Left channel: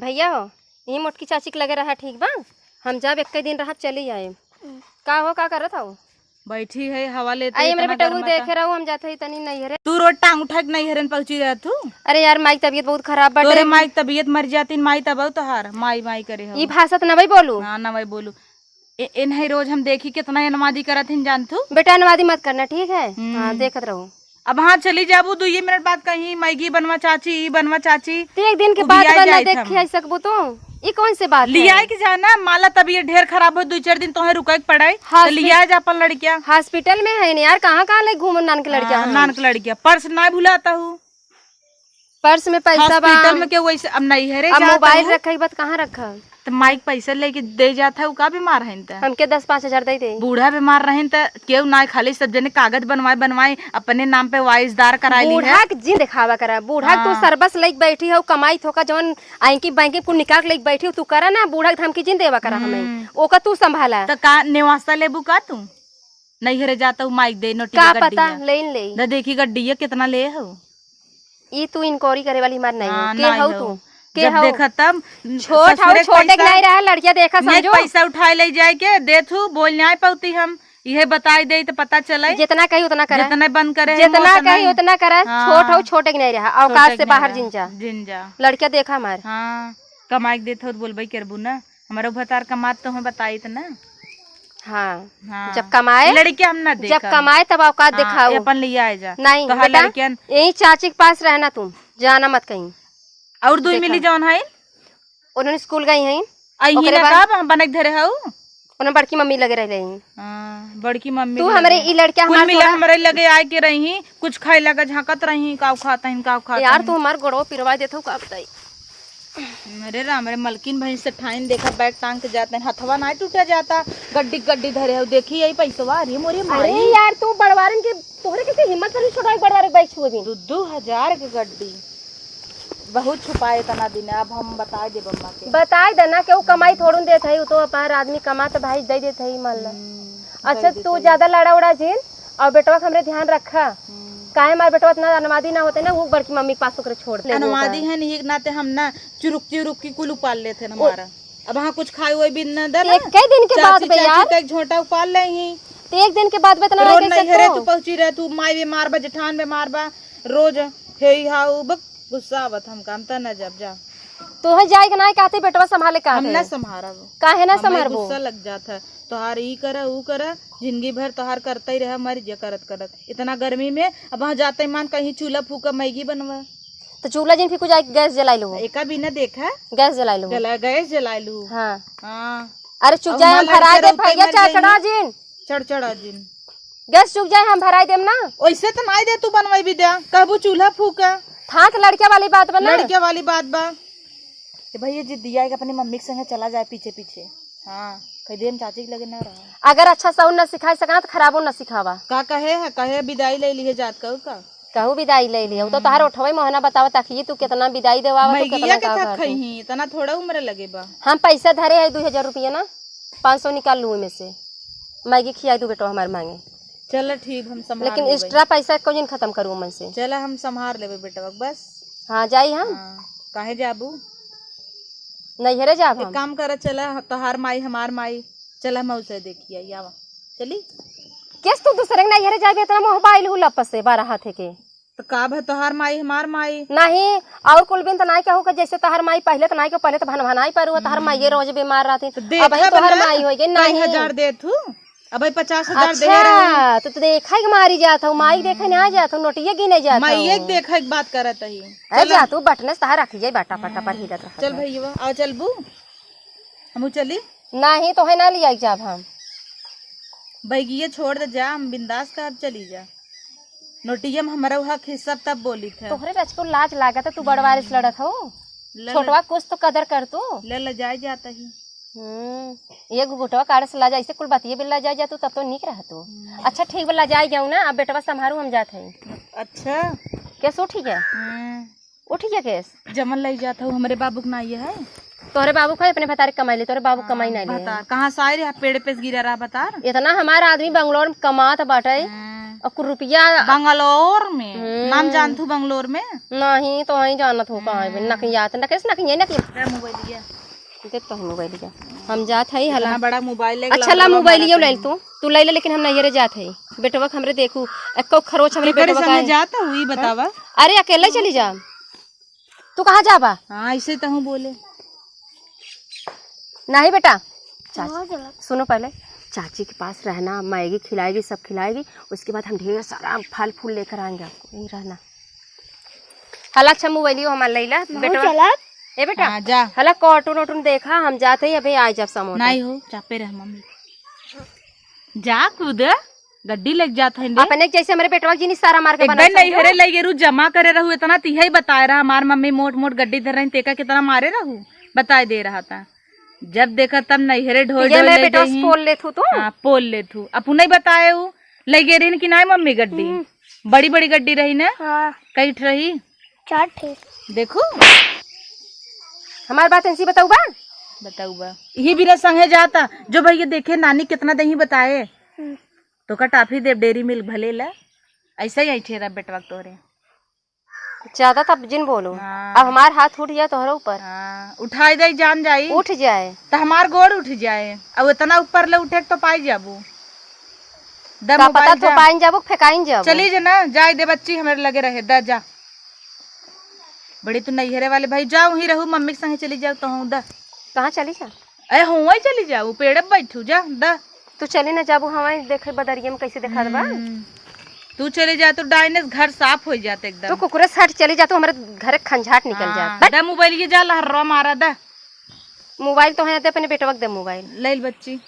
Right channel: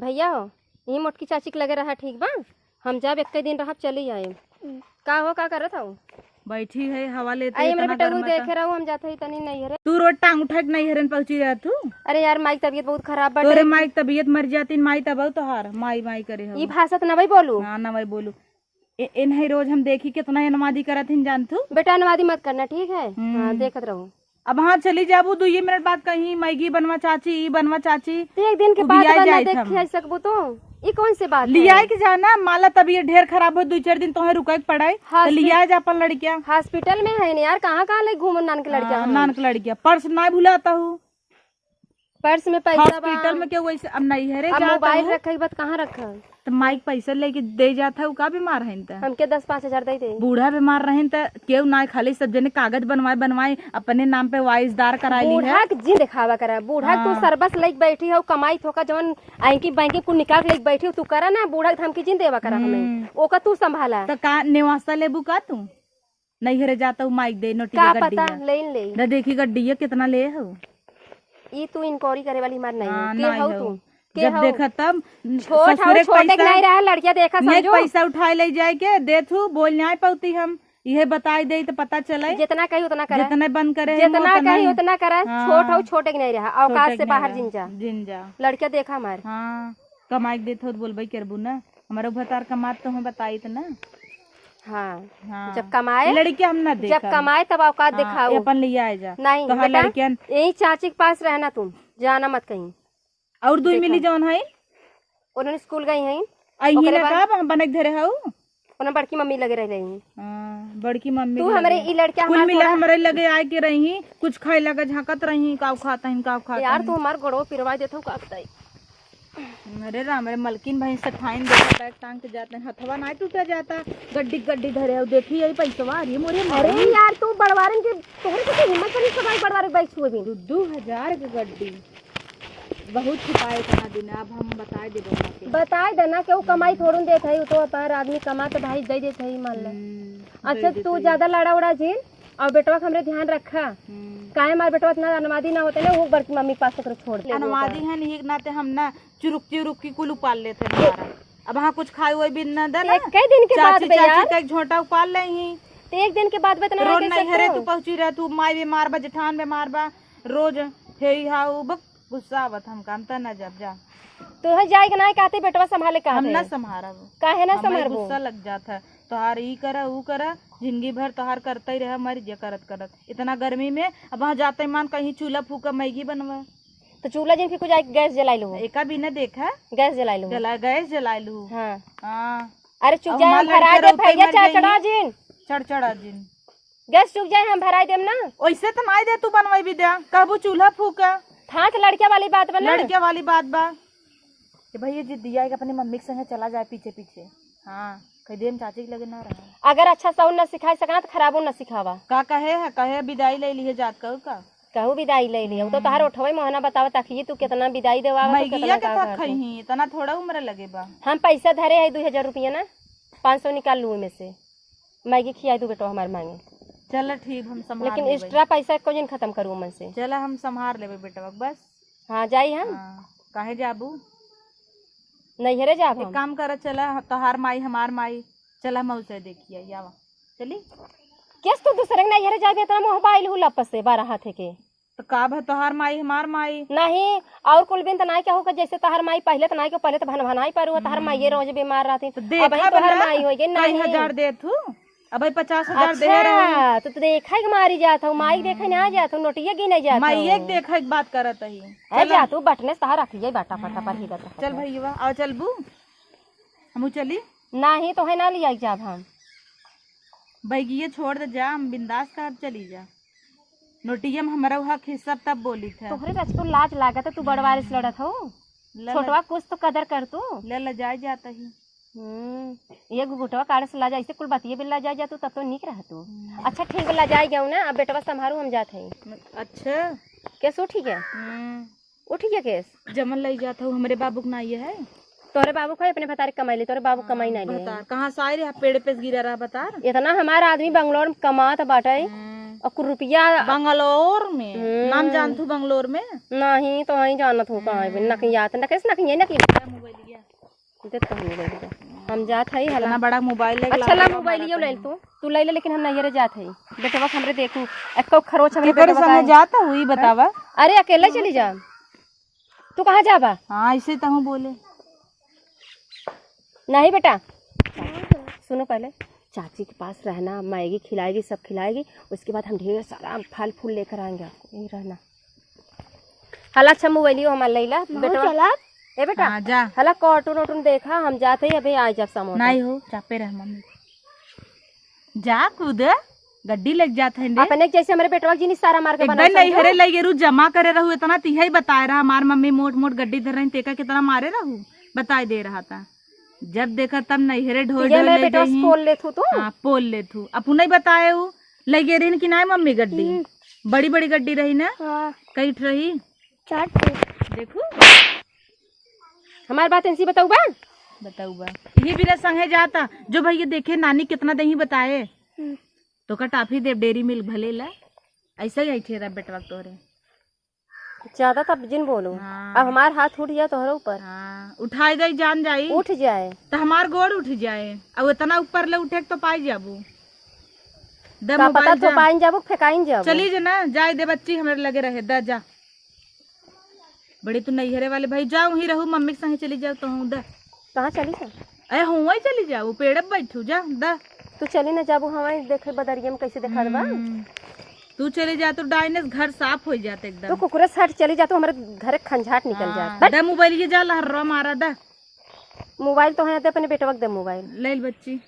भैया हो यही मोटकी चाची के लगे रहा ठीक बा। हम जब एक दिन रहा चली आए। का हो का करत हो? बैठी है हवा लेते आई मेरे बेटा को देखे रहो हम जाते ही तनी नहीं हरे। तू रोज टांग उठा के नहीं हरन पहुंची रहा तू। अरे यार माई तबीयत बहुत खराब बाटे। तोरे माई तबीयत मर जाती माई तब तोहार माई माई करे हो ई भाषा त नबई बोलू ना ना भाई बोलू नहीं रोज हम देखी कितना नमाजी करत हैं जान तू। बेटा नवादी मत करना ठीक है। हाँ देखत रहो। अब हाँ चली जाबू 2 मिनट बाद कहीं मैगी बनवा चाची ई बनवा चाची एक दिन के बाद बनना देखी सकबू तू। ई कौन से बात लिया के जाना माला तबीयत ढेर खराब हो 2-4 दिन तोहे रुके पड़ाई तो लिया जा अपन लड़किया हॉस्पिटल में है नहीं यार। कहाँ कहाँ ले घूमो नान के लड़किया नान के लड़किया पर्स ना भुलाता हूँ। पर्स में पैसा हॉस्पिटल में क्या वैसे अब नहीं है रे मोबाइल रखा ही बात कहाँ रखा तो माइक पैसा लेके दे जाता है वो का बीमार है हमके 10-5 हजार दे दे। बूढ़ा बीमार रहे तो केहू ना खाली सब जने कागज बनवाए अपने नाम पे वाइसदार करा ली है। बूढ़ा के जी दिखावा करा बूढ़ा तू सरबस लेके बैठी हो कमाई थोका जवन आंकी बैंकी कुल निकाल के लेके बैठी हो तू करा ना बूढ़ा के धमकी जिन देवा करा हमें ओका तू संभाला तो का नेवासा लेबू का तू नहीं हरे जाता हूँ माइक दे नोटी का गड्डी पता ले ना देखी गड्डी कितना ले हो ये तू इंक्वायरी करे वाली मार नहीं हाँ, के नहीं हो हो। तू जब देखा तब छोटे नहीं रहा लड़किया देखा समझो पैसा उठाए ले जाए के दे तू बोल नहीं पाती हम यह बताई दे तो पता चले जितना कही उतना करा जितना बंद करे जितना कही उतना करा छोट हो छोटे नहीं रहा औकात से बाहर जिंजा लड़किया देखा हमार हाँ कमाई देते हो बोलबे करबू ना हमारा भतार कमात तो हमें बताई तो ना। हाँ जब कमाए लड़की हम ना देख जब कमाए तब औकात दिखाओ अपन लिया आ जा नहीं तो हर लड़कियन यही चाची के पास रहना तुम जाना मत कहीं और 2 मिली जौन है उन्होंने स्कूल गई हैं आई ना का बनक धरे हो उन्होंने बड़की मम्मी लगे रही बड़की मम्मी तू हमारे ई लड़किया कुल मिला हमारे लगे आए के रही कुछ खाए लगा झांकत रही काव खाता है काव खाता यार तू हमार गोड़ो पिरवा देते हो का बताई। अरे राम रे मलकिन भाई से ठाइन देखा बैग टांग के जाते हैं हथवा ना टूटा जाता गड्डी गड्डी धरे हो देखी यही पैसा अरे मोरे अरे यार तू बड़वारन के तोहरे के हिम्मत नहीं छुड़ाई बड़वारे बैठ छुए भी 2000 की गड्डी बहुत छुपाए तना दिन अब हम बताए दे बम्मा के बताए देना के वो कमाई थोड़न देत है तो अपन आदमी कमा तो भाई दे देत है मान ला। अच्छा तू ज्यादा लड़ा उड़ा झील और बेटवा हमरे ध्यान रखा काहे मार बेटवा इतना अनुवादी ना होते ना वो बड़की मम्मी के पास तो छोड़ दे अनुवादी है नहीं नाते हम ना चुरुक की कुल उपाल लेते हमारा अब हाँ कुछ खाए हुए भी ना दे ना कई दिन के बाद चाची चाची का एक झोटा उपाल ले ही तो एक दिन के बाद बतना रोज नहीं हरे तू पहुंची रहे तू माई बीमार बा जेठान बीमार बा रोज हे हाउ बक गुस्सा आवत हम काम त ना जब जा तो है जाए ना कहते बेटवा संभाले का हम ना संभारा काहे ना संभार गुस्सा लग जाता है तोहार ई करा ऊ करा जिंदगी भर तोहार करता ही रहा मर जा करत करत इतना गर्मी में अब वहाँ जाते मान कहीं चूल्हा फूका मैगी बनवा तो चूल्हा जिन फिर कुछ गैस जलाई लो एका बिना देखा गैस जलाई लो गैस जला लू हाँ हाँ अरे चुप जाए हम भरा दे भैया चढ़ा जिन चढ़ जिन गैस चुप जाए हम भराई देम ना वैसे तो नहीं दे तू बनवाई भी दे कहबू चूल्हा फूका था तो लड़किया वाली बात बना लड़किया वाली बात बा भैया जी दिया अपनी मम्मी के संगे चला जाए पीछे पीछे हाँ कह दे चाची के लगे ना रहा अगर अच्छा साउंड न सिखाई सकना तो खराबो न सिखावा का कहे विदाई ले लिए जात कहू विदाई ले लियो तो तहार उठवे मोहना बतावा ताकि तू कितना विदाई देवा मैगिया के तक खई इतना थोड़ा उम्र लगे बा हम पैसा धरे है 2000 रुपया ना 500 निकाल लू में से मैगी खिया दू बेटो हमारे मांगे चल ठीक हम संभाल लेकिन एक्स्ट्रा पैसा को दिन खत्म करूँ मन से चल हम संभाल लेबे बेटा बस हाँ जाई हम काहे जाबू नहीं हरे जाब एक काम कर चला तोहार माई हमार माई चला मऊ से देखिए आवा चली किस तू दूसरे नहीं हरे जाबे इतना मोबाइल हु लपस से 12 हाथ के तो का भ तोहार माई हमार माई नहीं और कुल बिन त नहीं कहू के जैसे तोहार माई पहले त नहीं के पहले त भनभनाई पर तोहार माई रोज बीमार रहती अब तोहार माई हो गई नहीं 1000 दे तू अब 50,000 दे रहा तो देखा के मारी जात हूं माई देखे ना जात हूं नोटिया गिने जात माई एक देखा के बात करत ही चल जा तू बटने से रख जाई बाटा पटा पर ही चल भैया आओ चलबू हमू चली नहीं तो है ना लिया जाब हम बैगिए छोड़ दे जा हम बिंदास कर चली जा नोटिया में हमारा हक हिस्सा तब बोली थे तोहरे बचको लाज लागत तू बड़वारे से लड़त हो छोटवा कुछ तो कदर कर तू ले जाए जाता ही ये गुटवा काढ़ से ला जा ऐसे कुल बातिए बिल्ला जाए जा तू तब तो निक रह तू अच्छा ठीक बल्ला जाए जाऊँ ना अब बेटवा संभारू हम जाते हैं अच्छा कैसे उठी है उठी है केस जमन ले जाता हूँ हमारे बाबू के ना ये है तोहरे बाबू खाए अपने भतारे कमाई ले तोरे बाबू कमाई नहीं ले कहाँ से आए रे पेड़ पे गिरा रहा बता इतना हमारा आदमी बंगलोर में कमात बाटे और कुछ रुपया बंगलोर में नाम जानतू बंगलोर में नहीं तो वही जानत हो कहाँ है नकिया तो नकिस नकिया नकिया मोबाइल देख मोबाइल जा हम जात हई हला बड़ा मोबाइल अच्छा ला मोबाइल ये ले तू ले ले लेकिन हम नहीं रे जात हई बेटवा हमरे देखू एको खरोच हमरे बेटवा संगे जाता हुई बतावा। अरे अकेले चली जा तू कहाँ जाबा? हाँ ऐसे तो हूँ बोले नहीं बेटा सुनो पहले चाची के पास रहना मैगी खिलाएगी सब खिलाएगी उसके बाद हम ढेर सारा फल फूल लेकर आएंगे आपको यही रहना। हला अच्छा मोबाइल हमारा लैला बेटा ए बेटा हाँ, जा हला कार्टून वार्टून देखा हम जाते ही अभी आ जब समोसा नहीं हो चापे रह मम्मी जा कूद गड्डी लग जाता है अपने जैसे हमारे बेटवा जी ने सारा मार के बना एकदम नहीं हरे लगे रू जमा करे रहू इतना तिहा ही बताए रहा हमार मम्मी मोट मोट गड्डी धर रही तेका कितना मारे रहू बताए दे रहा था जब देखा तब नहीं हरे ढोल ढोल ले गई पोल ले थू तू हां पोल ले थू अपू नहीं बताए हूँ लगे रही कि नहीं मम्मी गड्डी बड़ी बड़ी गड्डी रही ना कई रही देखो हमारी बात ऐसी बताऊ बा ये भी ना संगे जाता जो भैया देखे नानी कितना दही बताए तो का टाफी दे डेरी मिल्क भले ला ऐसा ही ठेरा बेटवा तोरे ज्यादा तब जिन बोलो अब हमार हाथ उठ जाए तोहरे ऊपर उठाई दे जान जाई उठ जाए तो हमार गोड़ उठ जाए अब इतना ऊपर ले उठे तो पाई जाबू का पता तो पाइन जाबू फेकाइन जाबू चली जा ना जाए दे बच्ची हमारे लगे रहे दा जा बड़ी तू नैहरे वाले भाई जाओ ही रहू मम्मी के संगे चली जाओ तो हूँ दा कहाँ चली जा अरे हुआ ही चली जाओ पेड़ बैठू जा दा तू चली ना जाबू हमारे देखे बदरिया में कैसे देखा दबा तू चले जा तो डाइनेस घर साफ हो जाते एकदम तो कुकुरे हट चली जा तो हमारे घर खंजाट निकल जाता दा मोबाइल ये जा लहर्रा मारा दा मोबाइल तो है अपने बेटवा के दे मोबाइल ले बच्ची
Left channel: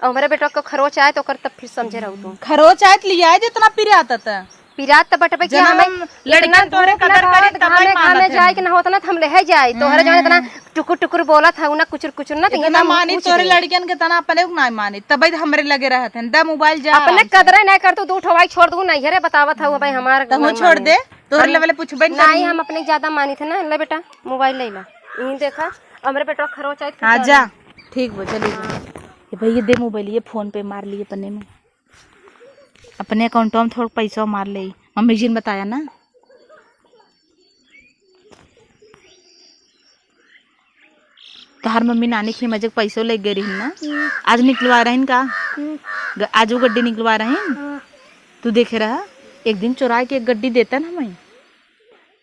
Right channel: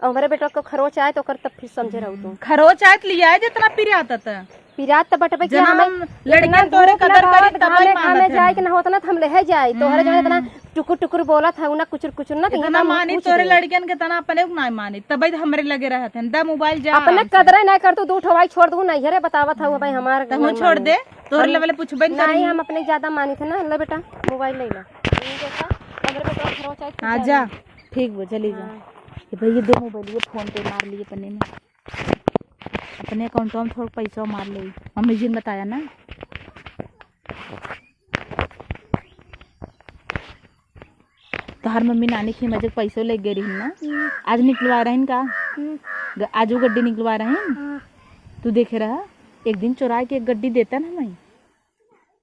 और हमारे बेटवा को खरोच आए तो कर तब फिर समझे रहू तू खरोच आए लिया है जितना पिरे आता था पिरात तो बटबे कि हमें लड़का तोरे कदर करे तब ही मानत जाए कि ना होता ना हम ले जाए तोहरे जाने इतना टुकुर टुकुर बोला था ना कुचुर कुचुर ना इतना मानी तोरे लड़कियन के तना अपने ना मानी तबे हमरे लगे रहत हैं दा मोबाइल जा अपने कदर नहीं कर तू दू ठवाई छोड़ दू नहीं रे बतावत हूं भाई हमार तू छोड़ दे तोरे लेवल पूछबे नहीं हम अपने ज्यादा मानी थे ना ले बेटा मोबाइल ले ला ये देखा हमरे बेटा खरोच आए हां जा ठीक वो चली जा ये भैया दे मोबाइल ये फोन पे मार लिए पन्ने में अपने अकाउंट में थोड़ा पैसा मार ले मम्मी जी ने बताया ना तो हर मम्मी नानी की मजे पैसों ले गई रही ना आज निकलवा रही का आज वो गड्डी निकलवा रही तू देखे रहा एक दिन चुरा के एक गड्डी देता ना मैं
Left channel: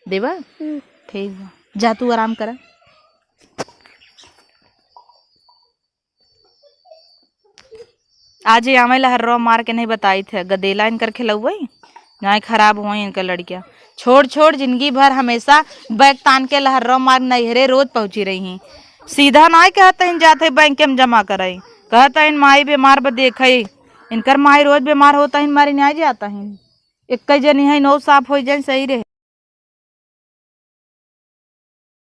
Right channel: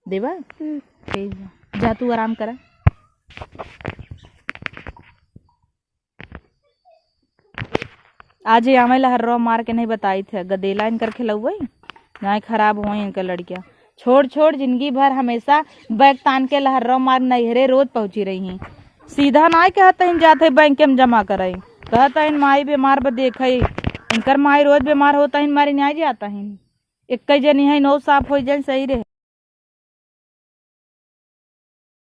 देवा ठीक जा तू आराम करा आज आमे लहर्रा मार के नहीं बताई थे गदेला इनकर खिलौई ना खराब हुई इनका लड़कियां छोड़ छोड़ जिंदगी भर हमेशा बैग तान के लहर्रा मार नैहरे रोज पहुंची रही सीधा ना कहते हैं जाते बैंक में जमा कराई कहता है माई बीमार ब देख इनकर माई रोज बीमार होता है मारी नहीं जाता है एक जनी है नौ साफ हो जाए सही रहे।